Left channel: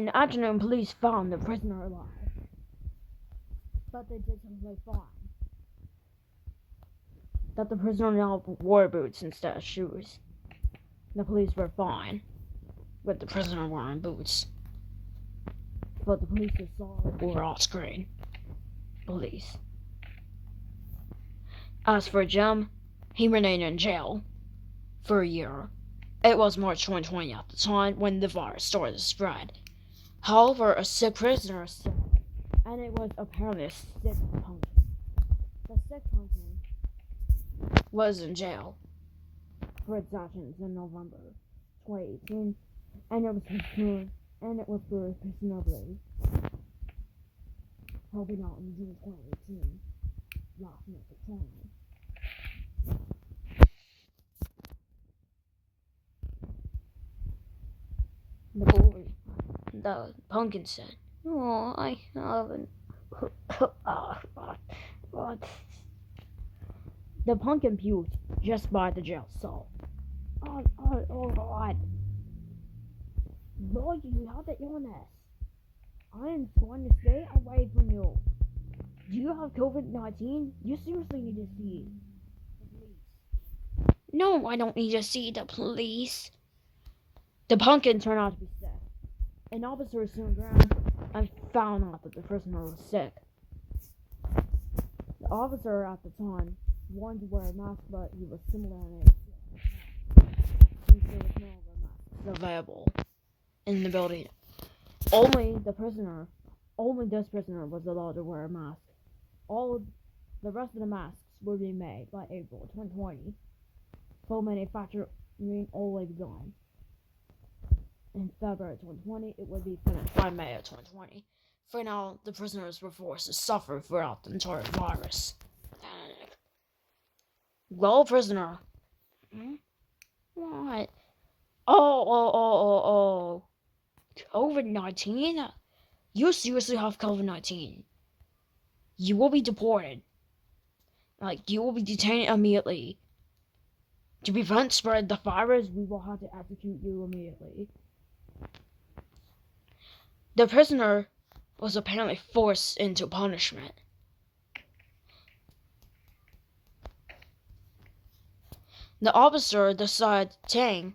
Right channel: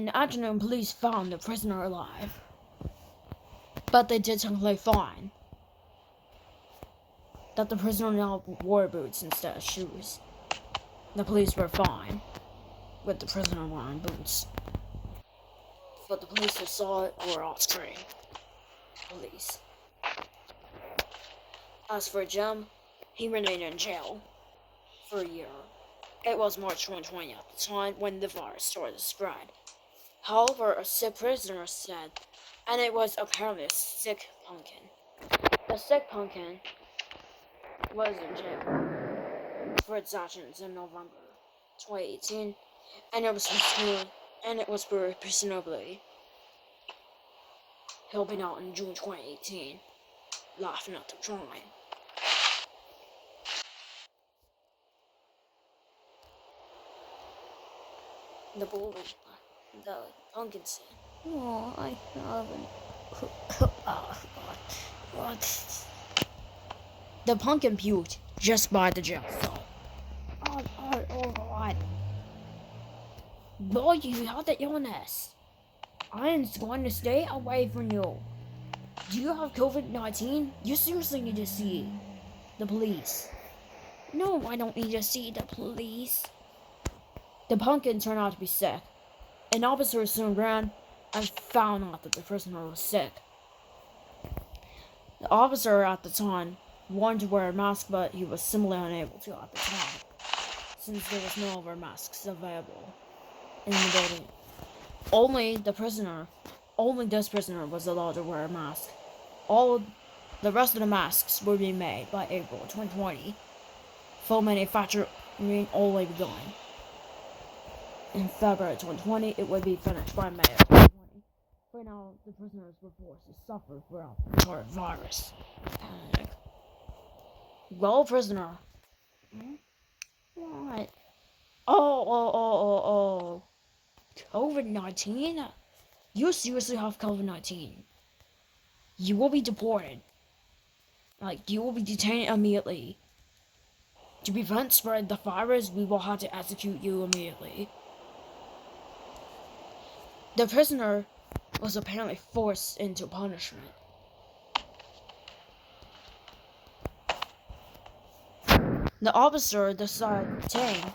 In the afternoon, police found the prisoner alive, but they did technically find that the prisoner now wore boots instead of shoes. The police were fine with the prisoner wearing boots, but the police who saw it were off-screen police. As for Jim, he remained in jail for a year. It was March 2020 at the time when the virus started to spread. However, a sick prisoner said, and it was apparently a sick pumpkin. The sick pumpkin was in jail for its actions in November 2018, and it was presumably helping out in June 2018, laughing at the crime. The pumpkin said, "Oh, I haven't." What? The pumpkin puked just by the jail cell. Oh God. Boy, you have the illness. I am going to stay away from you. Do you have COVID-19? You seriously need to see the police. No, I don't need to see the police. The pumpkin turned out to be sick. An officer soon ran and found out that the prisoner was sick. The officer at the time wanted to wear a mask, but he was simply unable to at the time, since there was no other masks available in the building. Only this prisoner was allowed to wear a mask. All the rest of the masks were being made by April 2020. Full manufacturing only begun. In February 2020, it would be finished by May of 2020. For now, the prisoners were forced to suffer throughout the entire virus. Panic. Well, prisoner. What? Oh. COVID-19? You seriously have COVID-19. You will be deported. You will be detained immediately. To prevent spread the virus, we will have to execute you immediately. The prisoner was apparently forced into punishment. The officer decided to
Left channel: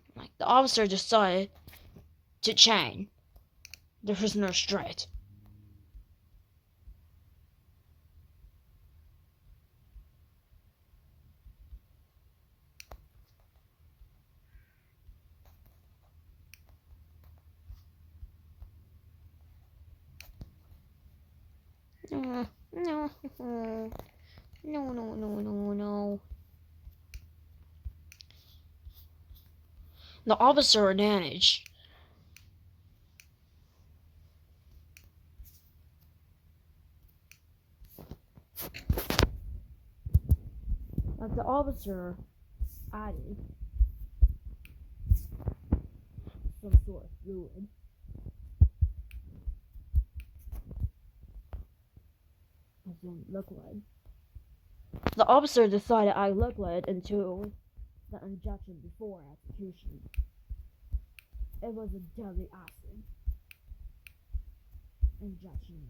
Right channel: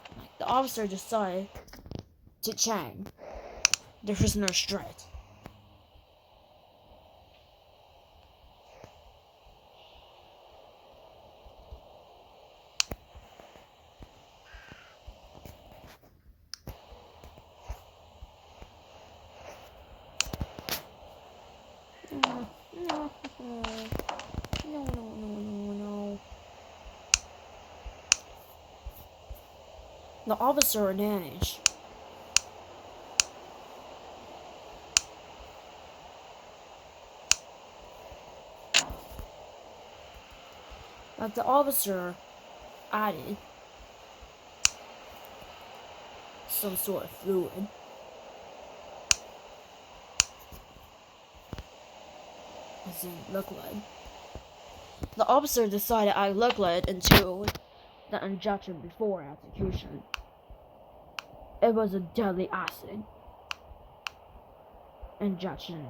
chain the prisoner straight. No. The officer managed the officer added some sort of fluid. As in liquid. The officer decided to add liquid into the injection before execution. It was a deadly acid injection.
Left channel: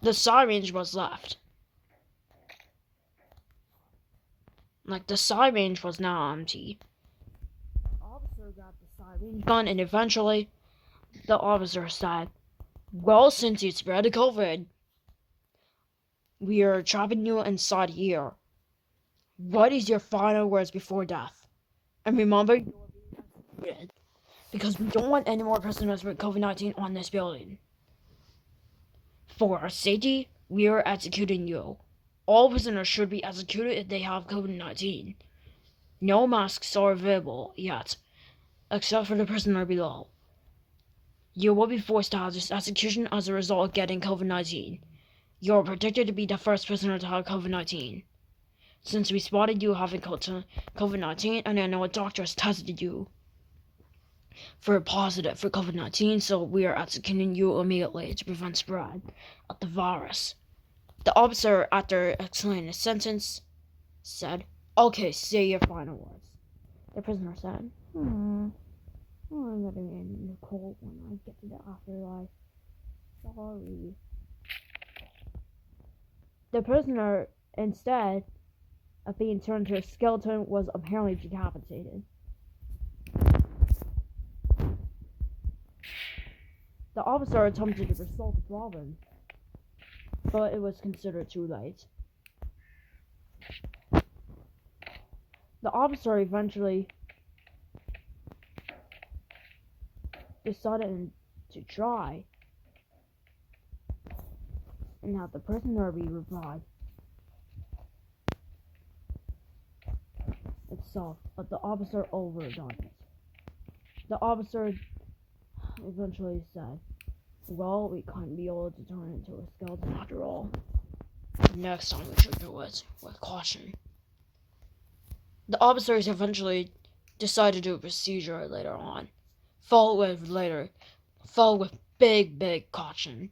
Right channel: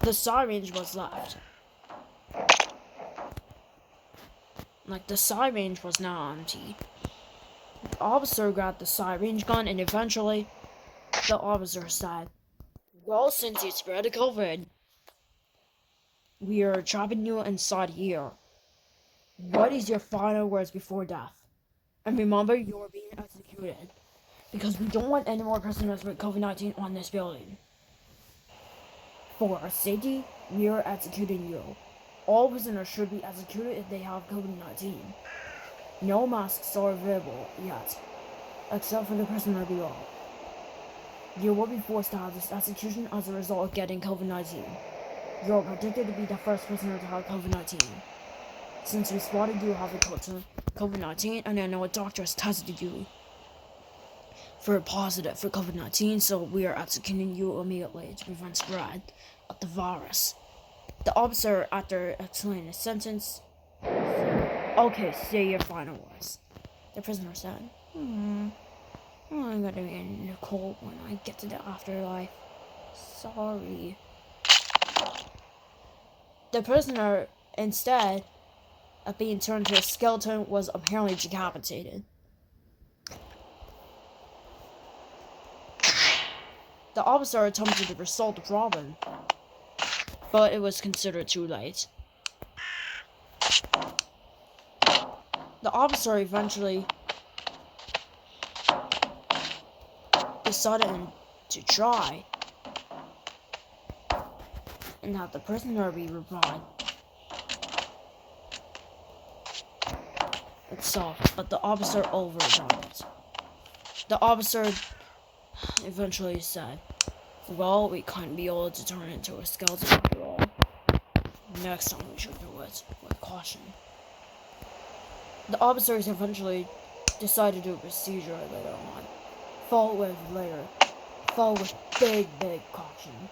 The syringe was left. The syringe was now empty. The officer got the syringe gun, and eventually, the officer said, "Well, since you spread the COVID, we are trapping you inside here. What is your final words before death? And remember, you are being executed, because we don't want any more prisoners with COVID-19 on this building. For our safety, we are executing you. All prisoners should be executed if they have COVID-19. No masks are available yet, except for the prisoner below. You will be forced to have this execution as a result of getting COVID-19. You are predicted to be the first prisoner to have COVID-19. Since we spotted you having COVID-19 and I know a doctor has tested you, for positive for COVID-19, so we are executing you immediately to prevent spread of the virus. The officer, after explaining his sentence, said, "Okay, say your final words." The prisoner said, I'm gonna be in the cold when I get to the afterlife. Sorry. The prisoner, instead of being turned into a skeleton, was apparently decapitated. The officer attempted to resolve the problem, but it was considered too late. The officer eventually decided to try and have the prisoner be revived itself, but the officer overdone it. The officer eventually said, "Well, we couldn't be able to turn it into a skeleton after all. Next time we should do it with caution." The officers eventually decided to do a procedure later on, followed with big caution.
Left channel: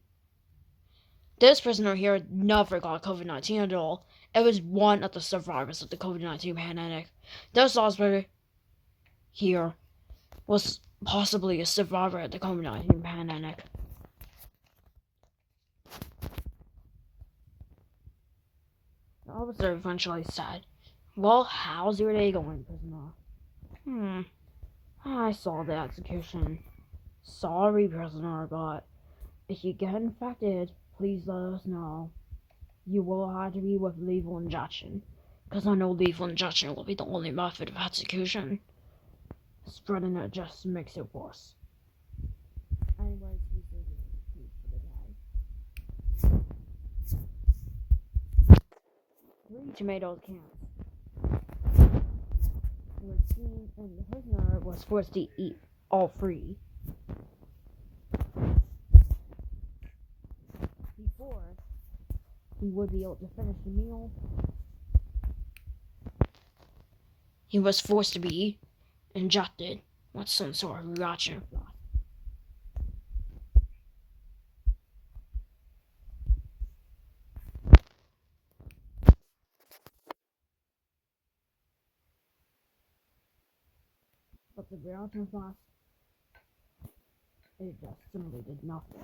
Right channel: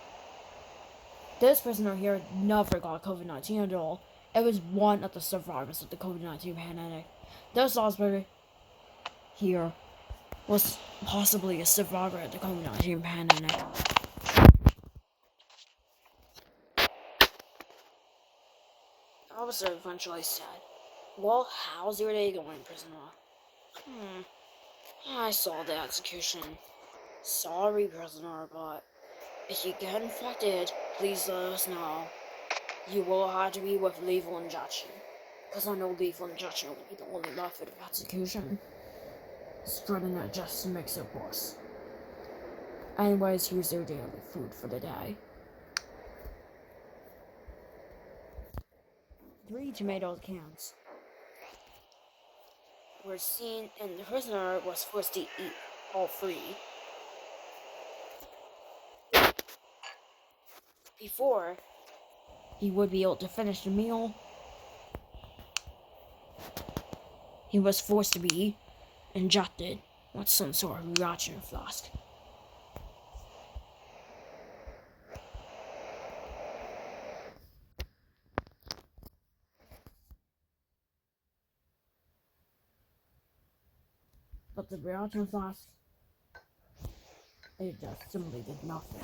This prisoner here never got COVID-19 at all. It was one of the survivors of the COVID-19 pandemic. This officer here was possibly a survivor of the COVID-19 pandemic. The officer eventually said, "Well, how's your day going, prisoner?" I saw the execution. Sorry, prisoner, but if you get infected, please let us know. You will have to be with lethal injection, because I know lethal injection will be the only method of execution. Spreading it just makes it worse. Anyways, here's your daily food for the day. 3 tomato cans were seen, and the prisoner was forced to eat all 3 before he would be able to finish the meal. He was forced to be injected with some sort of reaction flask. But the reaction flask, it just simply did nothing.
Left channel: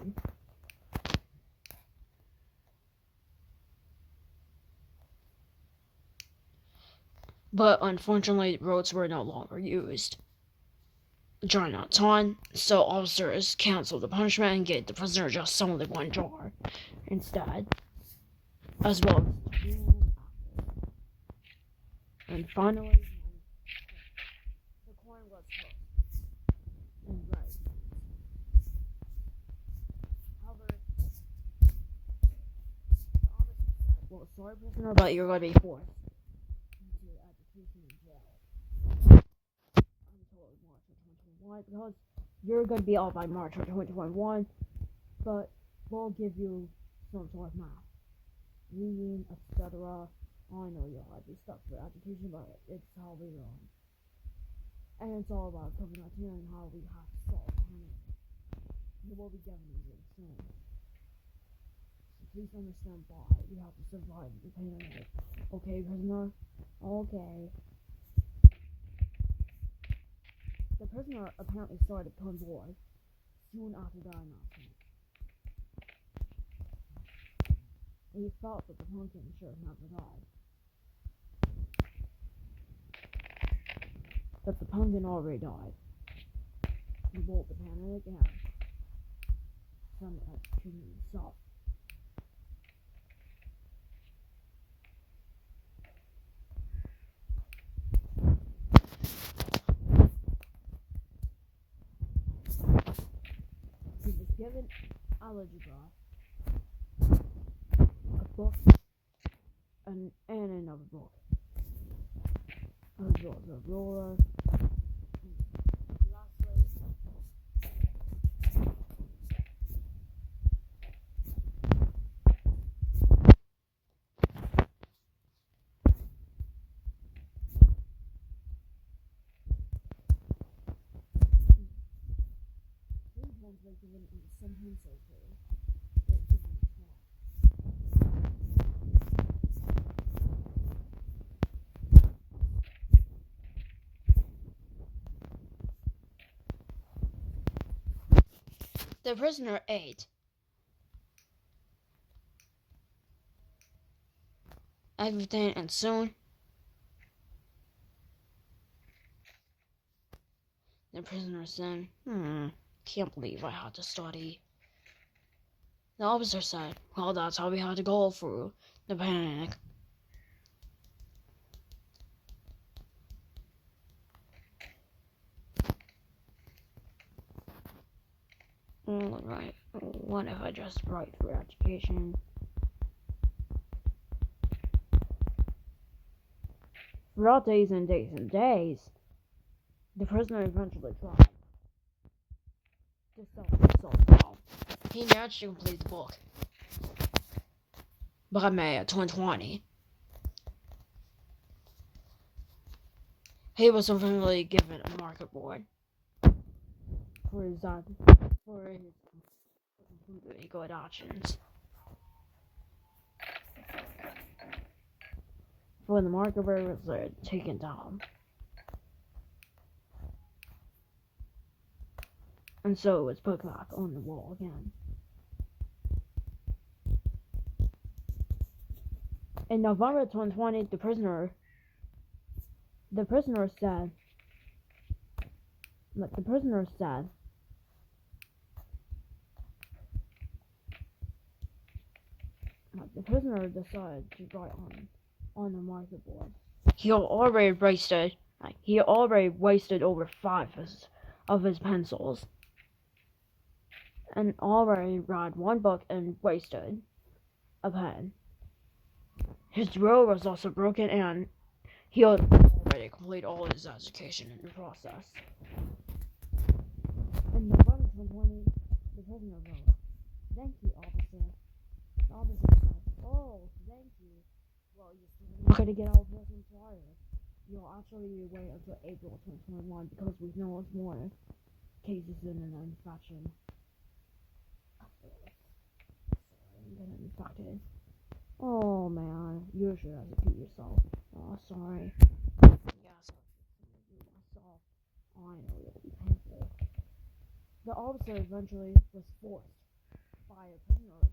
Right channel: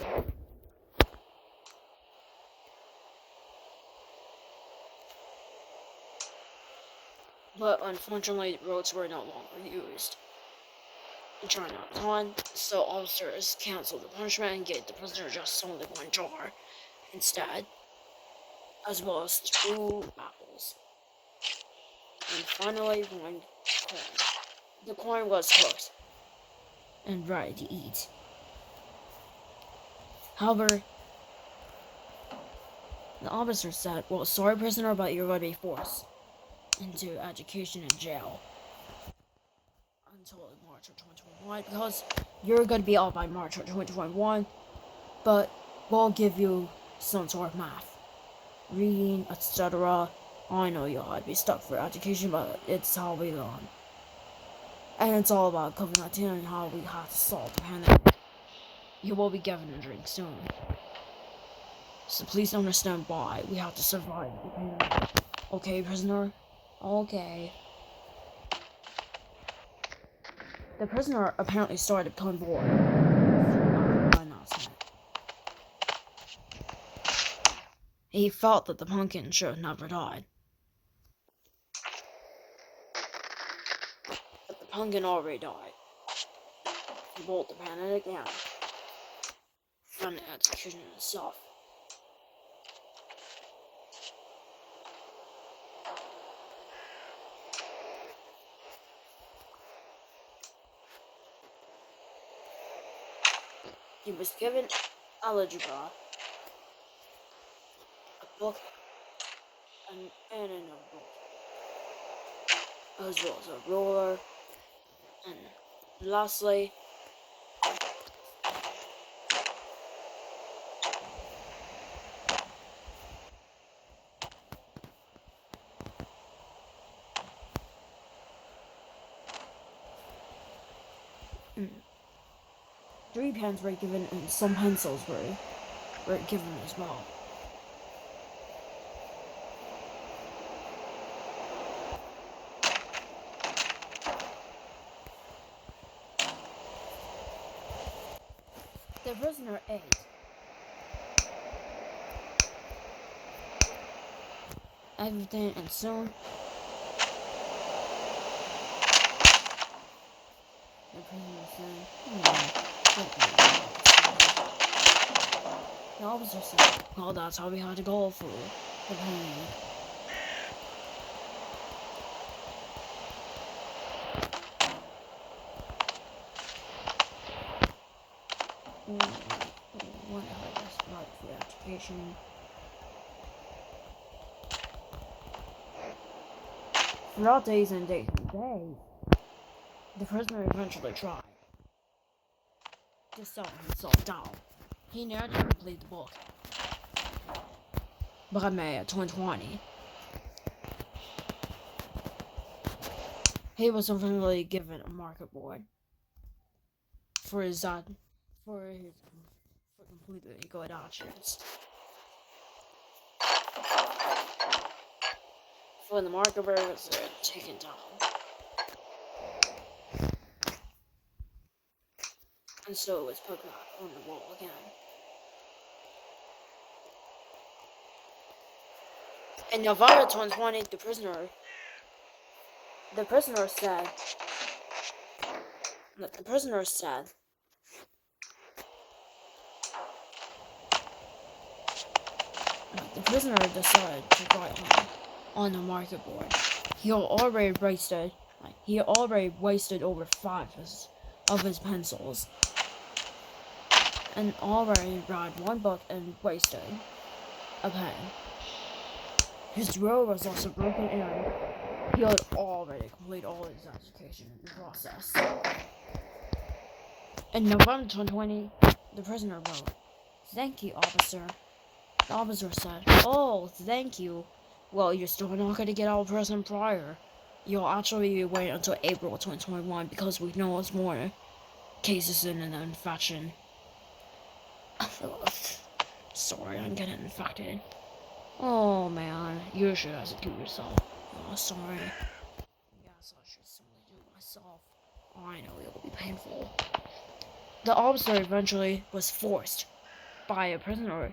But unfortunately, roads were no longer used during that time, so officers canceled the punishment and gave the prisoner just only 1 jar instead, as well as 2 apples. And finally, 1 corn. The corn was cooked and ready to eat. However, the officer said, "Well, sorry, prisoner, but you're going to be forced into education and jail until March of 2021, because you're going to be out by March of 2021, but we'll give you some sort of math, reading, etc. I know you'll have to be stuck for education, but it's how we learn. And it's all about COVID-19 and how we have to solve the pandemic. You will be given a drink soon. So please understand why we have to survive the pandemic. Okay, prisoner? Okay." The prisoner apparently started becoming bored after the announcement. He felt that the pumpkin should have never died. But the pumpkin already died. He rolled the pandemic down from the execution itself. He was given algebra, a book, and another book, as well as a ruler, and lastly, 3 pens were given, and some pencils were given as well. The prisoner ate everything, and soon the prisoner said, don't believe about this study. The officer said, well, that's how we had to go through the panic. What if I just write for education? Throughout days and days and days, the prisoner eventually tried to self himself down. He naturally completed the book by May of 2020. He was eventually given a market board for his completely good actions. When the market board was taken down. And so it was put back on the wall again. In November 2020, the prisoner decided to write on the market board. He already wasted over 5 of his pencils, and already read 1 book and wasted a pen. His drill was also broken, and he had already completed all his education in the process. In November 2020, the prisoner wrote, "Thank you, officer." The officer said, "Oh, thank you. Well, you're still not going to get out of prison prior. You'll actually be waiting until April 2021 because we know it's more cases in an infection." Sorry, I'm getting infected. Oh man, you should execute yourself. Oh, sorry. Yes, I should simply do it myself. I know it will be painful. The officer eventually was forced by a prisoner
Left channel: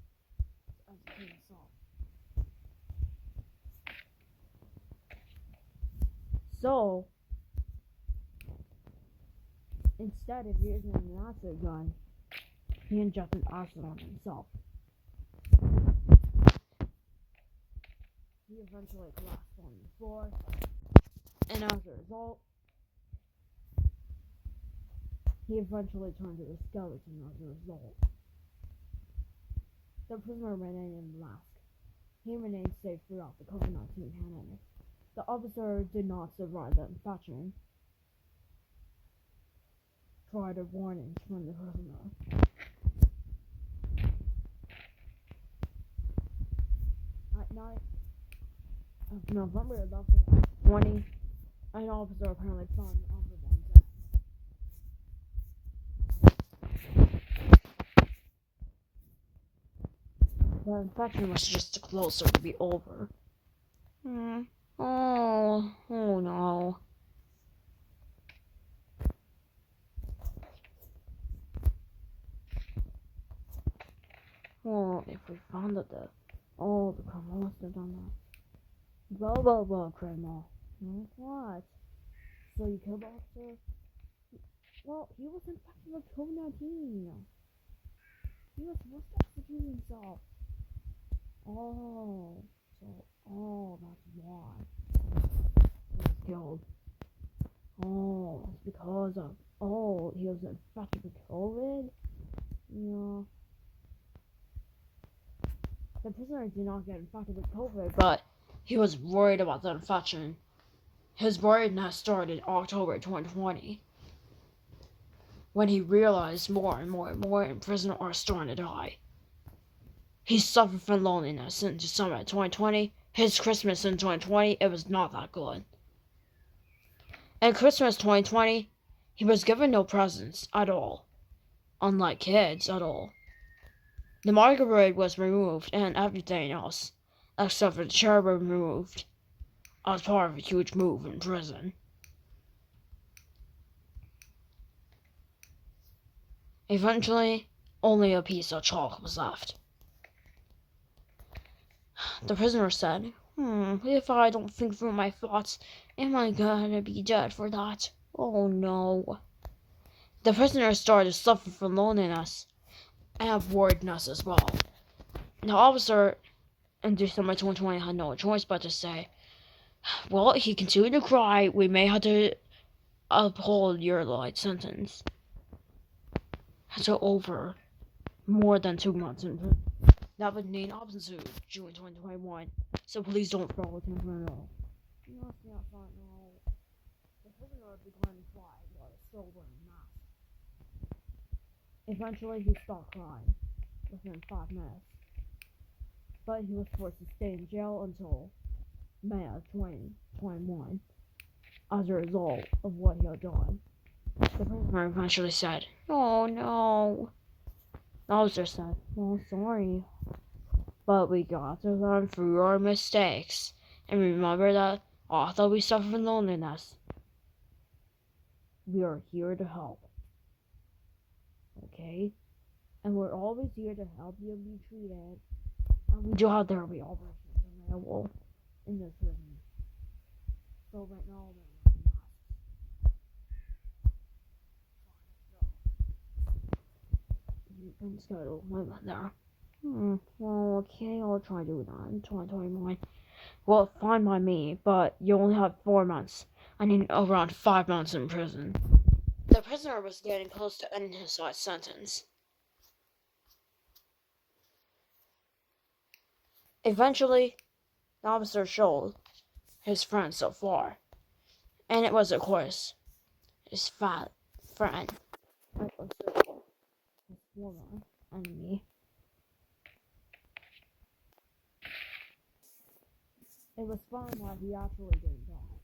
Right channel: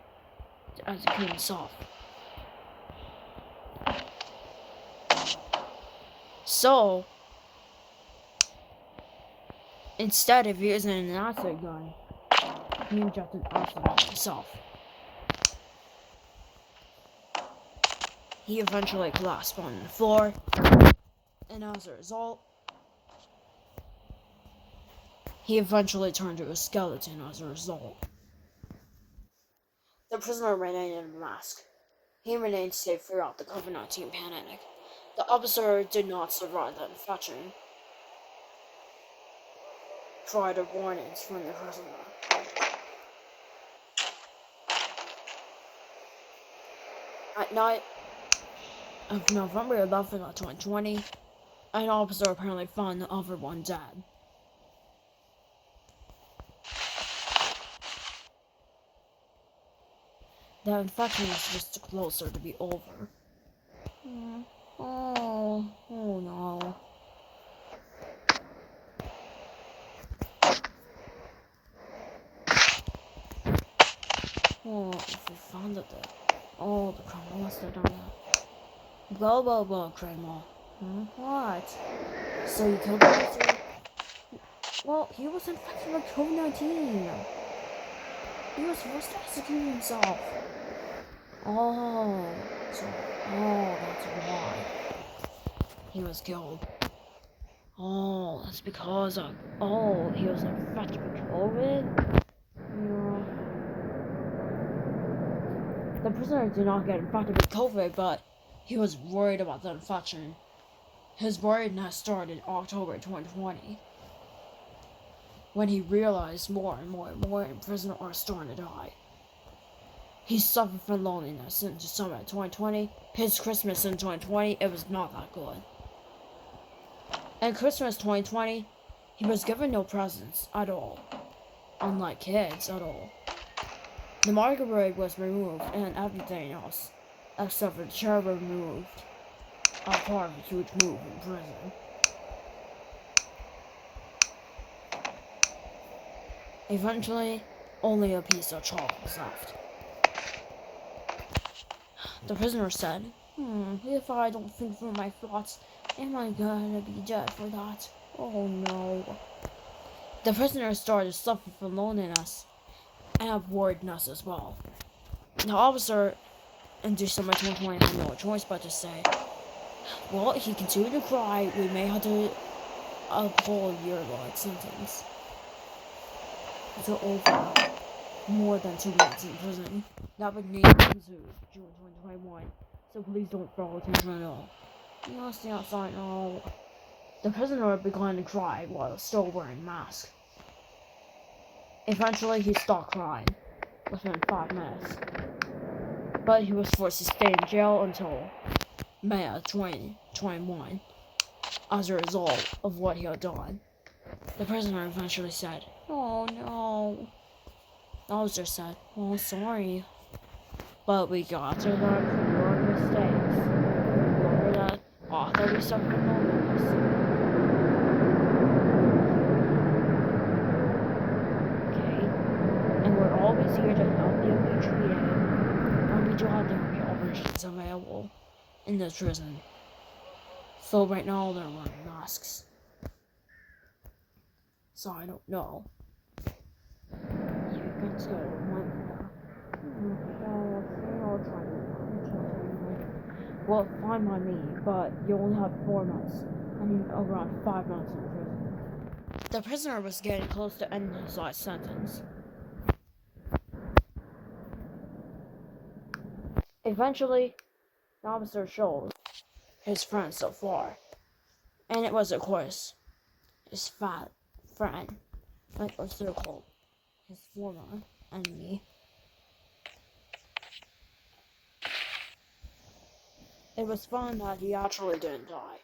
to execute himself. So, instead of using an acid gun, he injected acid on himself. He eventually collapsed on the floor, and as a result, he eventually turned to a skeleton as a result. The prisoner remained in a mask. He remained safe throughout the COVID-19 pandemic. The officer did not survive the infection prior to warnings from the prisoner. At night of November 11th, 2020, an officer apparently found the other one dead. The infection was just closer to be over. Oh no. Oh, if we found it there. Oh, the criminal must have done that. Blah blah blah, criminal. What? So you killed the officer? Well, he was infected with COVID-19. He was forced to execute himself. That's why he was killed. That's because of, he was infected with COVID? Yeah. The prisoner did not get infected with COVID, but he was worried about the infection. His worriedness started in October 2020, when he realized more and more prisoners are starting to die. He suffered from loneliness since December 2020. His Christmas in 2020, it was not that good. In Christmas 2020, he was given no presents at all. unlike kids at all. The microwave was removed and everything else, except for the chair, was removed as part of a huge move in prison. Eventually, only a piece of chalk was left. The prisoner said, if I don't think through my thoughts, am I gonna be dead for that? Oh no. The prisoner started to suffer from loneliness and boredness as well. The officer in December 2020 had no choice but to say, well, he continued to cry, we may have to uphold your life sentence. So over more than 2 months in prison. That would need to June 2021. So please don't follow attention at all. Yes, I know. The prisoner began to cry while still wearing a mask. Eventually, he stopped crying within 5 minutes. But he was forced to stay in jail until May of 2021 as a result of what he had done. The prisoner eventually said, "Oh no." The officer said, "Well, sorry, but we got to learn from your mistakes. And remember that although we suffer from loneliness, we are here to help. Okay? And we're always here to help you be treated. And we do have therapy options available in this prison. So right now they're wearing masks. So I don't know. You can still remember that. Well, okay, I'll try to do that. 2021. Well, fine by me, but you only have 4 months. I need around 5 months in prison. The prisoner was getting close to ending his life sentence. Eventually, the officer showed his friend so far, and it was, of course, his fat friend, like or so-called his former enemy. It was found that he actually didn't die.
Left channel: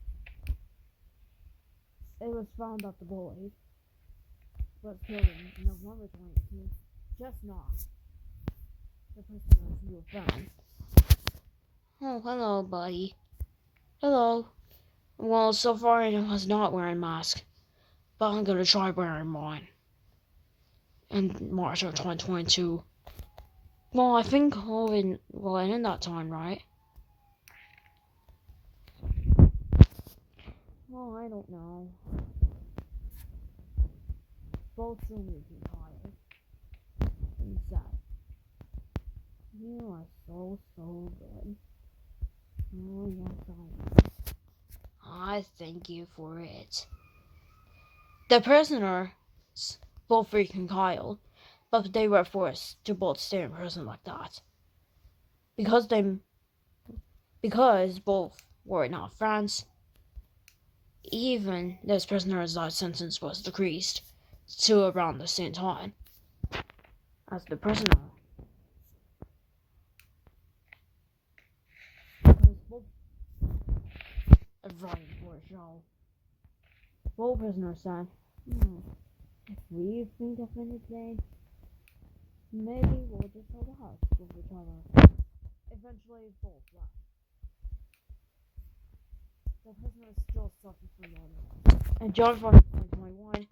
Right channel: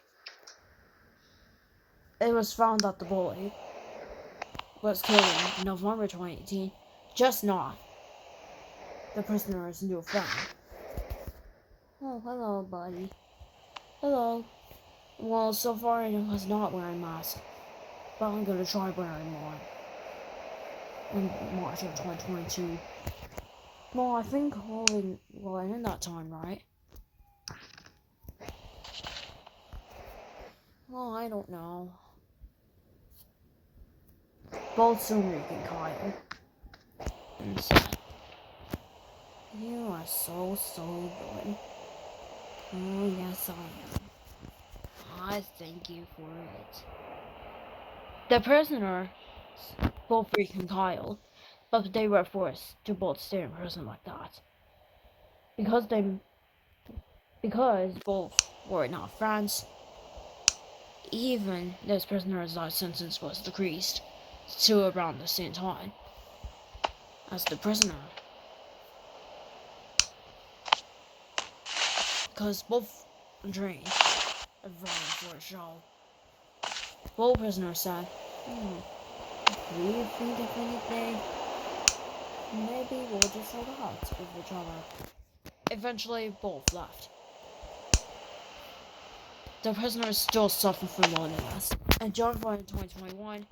It was found that the bully was killed in November 2018, just not the prisoner's new friend. Oh, hello, buddy. Hello. Well, so far I was not wearing a mask, but I'm gonna try wearing mine in March of 2022. Well, I think COVID will end in that time, right? Well, I don't know. Both Sumrik and Kyle. And said, you are so good. Oh, yes, I am. I thank you for it. The prisoners both freaking Kyle, but they were forced to both stay in prison like that. Because both were not friends, even this prisoner's life sentence was decreased to around the same time as the prisoner. Because both dreamed of running for a show. Both prisoners said, if we think of anything, maybe we'll just hold out with each other. Eventually, both left. The prisoners still suffer from loneliness. And January 2021,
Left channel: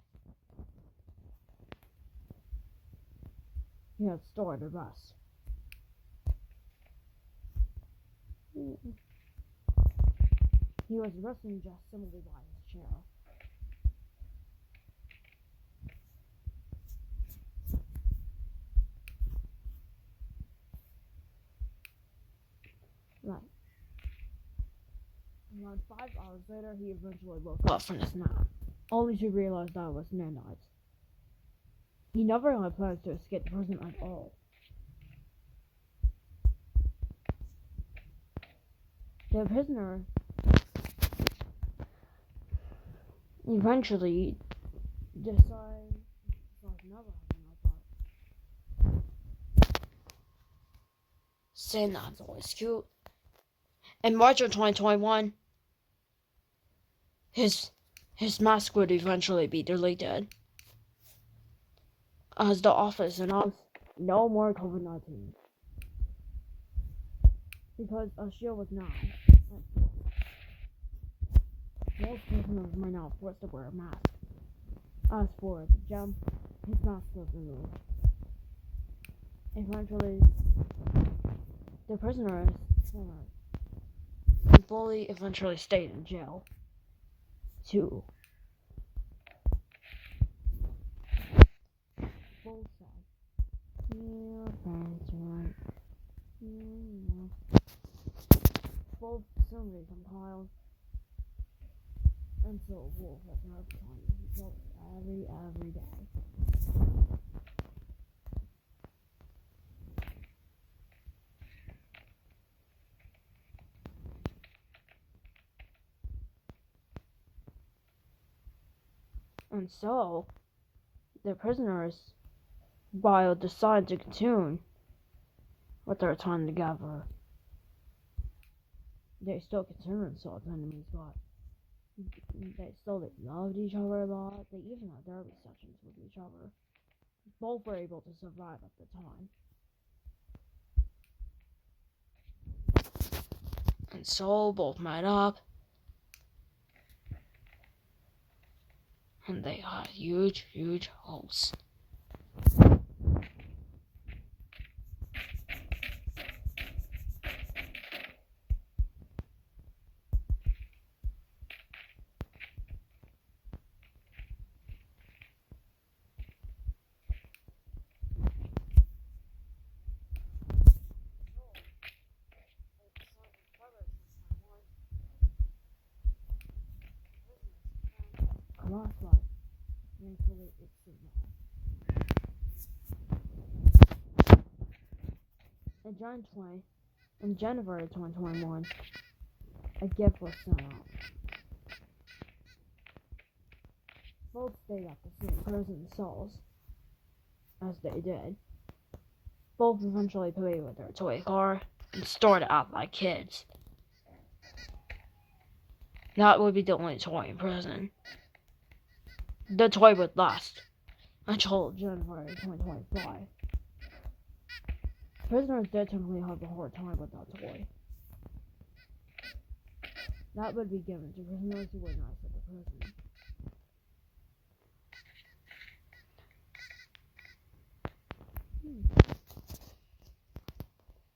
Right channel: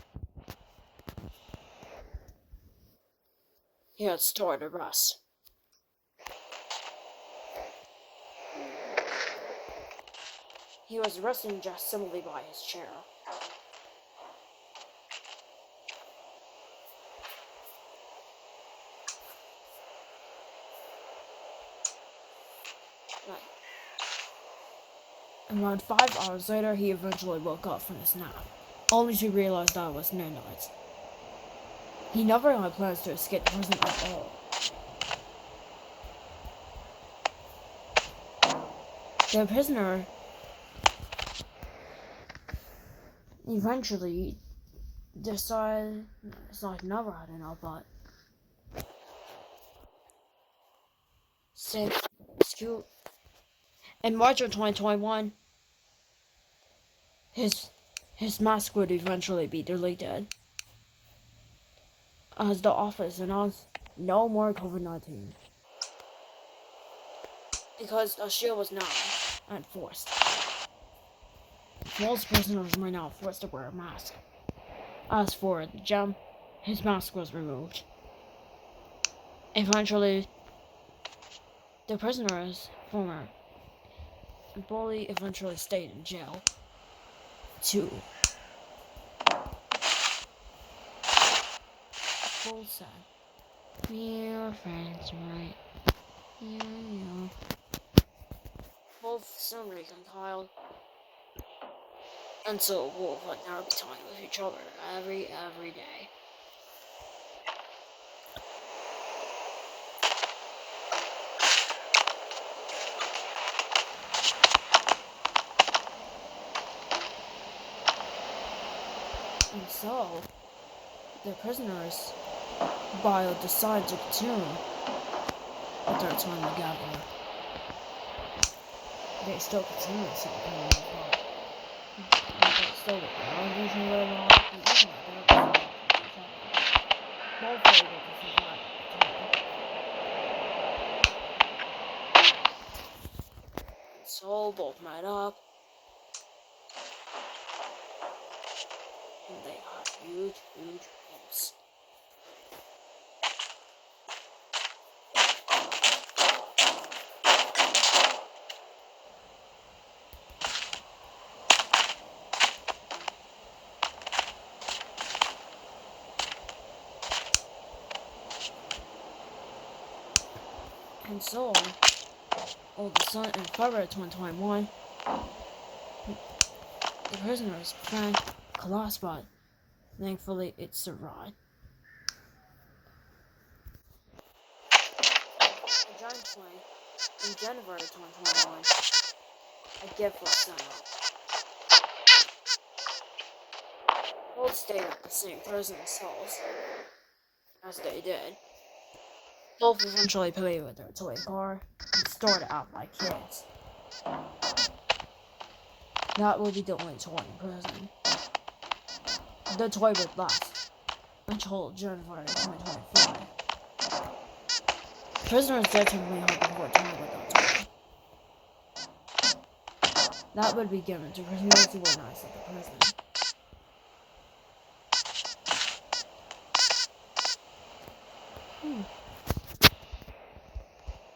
he had started arrest. He was arrested just simply by his chair. Right. Around 5 hours later, he eventually woke up from his nap, only to realize that it was midnight. He never had plans to escape prison at all. The prisoner eventually decided it's like never had enough, but same as always cute. In March of 2021, his mask would eventually be deleted. as the office announced no more COVID-19 because a shield was not enforced. Most prisoners were now forced to wear a mask. As for the gem, his mask was removed. Eventually, the prisoner's former bully eventually stayed in jail to full said, "We are friends, right? Yeah. Both soon reconciled, and so Wolf would now be talking with each other every day. And so, the prisoners, while decided to continue with their time together, they still continue something like that. They still get around each other a lot, but even like they're with each other. Both were able to survive at the time. And so, both met up, and they had huge hopes. And so, all of a sudden, in February 2021, the prisoner's friend collapsed, but thankfully it survived. A giant plane in January 2021, a gift was sent out. Both stayed at the same prison cells as they did. Both eventually played with their toy car and stored it out like kids. That would be the only toy in prison. The toy would last until January 2025. Prisoners did typically have a hard time with that toy. That would be given to prisoners who were nice at the prison.